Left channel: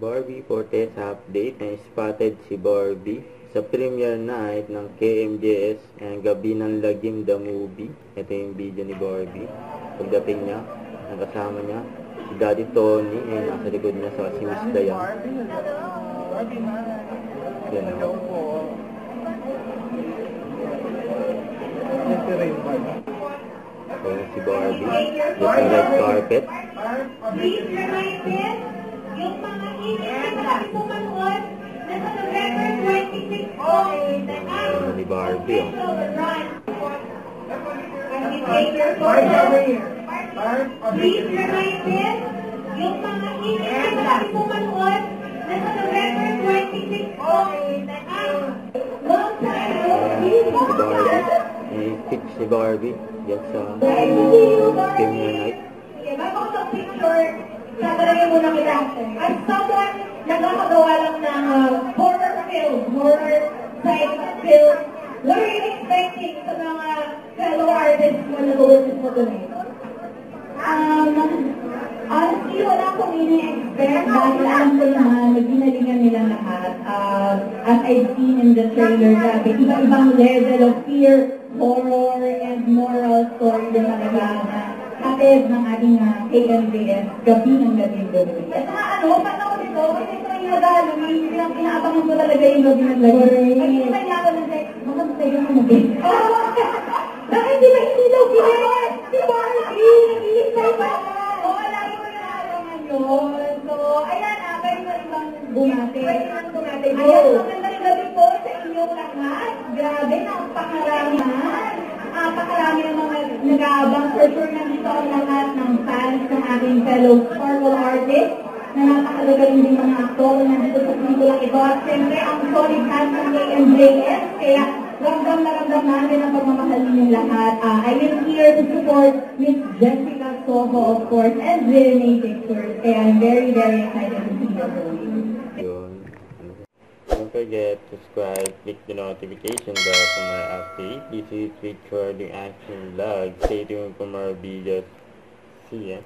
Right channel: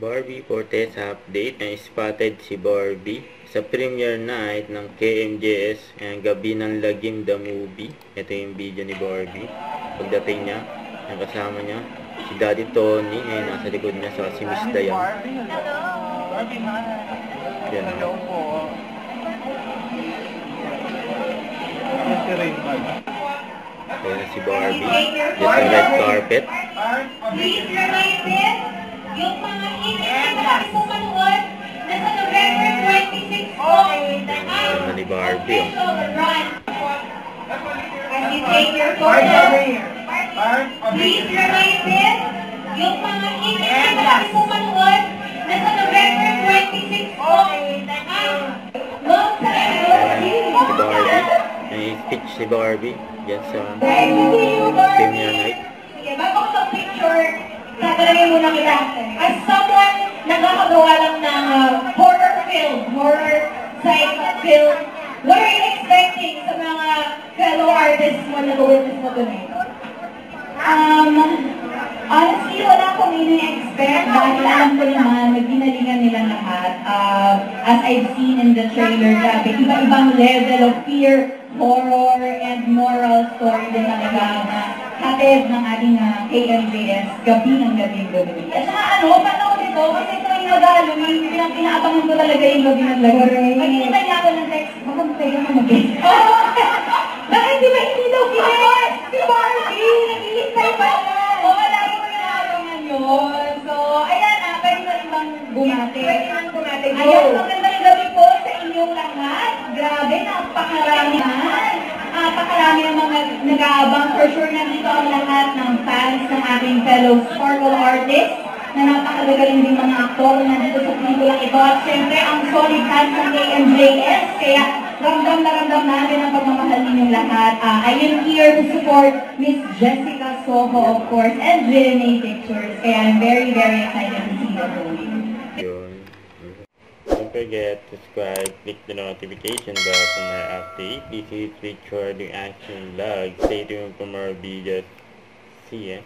Barbie Fortes update na spotted si Barbie sa premiere night ng KMJS ang Gabi ng Lagim the Movie. Ito yung video ni Barbie. Pagdating niya, yung kasama niya, si Daddy Tony, ay nasa likod niya sa si Miss Dayan. Yan. Hello po. Ayan si Barbie. Just a red carpet. Please remind them, yung mga email na kami po manood na sa November 26 po, Ano ni Barbie, as you take your photos, please remind them, yung mga email na kami po manood na sa November 26 po, Si Barbie. May speech si Barbie. Yan sa premiere night. Sige, bago ko sa picture, tatanungin muna kita. As someone nakakagawa lang ng horror film, horror side film, what are you expecting sa mga fellow artists mo na gawin mo tonight? Honestly, wala akong ini-expect dahil alam ko naman, magdinalingan nila lahat. As I've seen in the trailer, grabe, iba-ibang level of fear, horror, and moral story din talaga na hatid ng ating KMJS, Gabi ng Gabi. At saka paano ko dito, kasi ito yung mag-Halloween, pinaabangan ko talaga yung Gabi ng Gabi. Pag hinintay niya ako ng text, baka tayo na mag-guess. Bakit di ba hindi daw ginis? Si Barbie, nag-iintay pa na. Laro ko yung abangan yun. So, ayan, pwede mo ibang bumate. Ayan, magandang gabi po sa inyong lahat. Grabe, napakarami ang mga nag-aabang. For sure, nandito ang lahat ng fans ng ating fellow Sparkle artists na napakagagaling din mga aktor na nandito sa pelikulang ito. At syempre, ang solid fans ng KMJS. Kaya, ramdam na ramdam natin ang pagmamahal ninyong lahat. I am here to support Miss Jessica Soho, of course, and Renee Pictures. Kaya I'm very, very excited to see the movie. Don't forget to subscribe, click the notification bell for more updates. This is Richard, the Action Vlog. Stay tuned for more videos. See ya.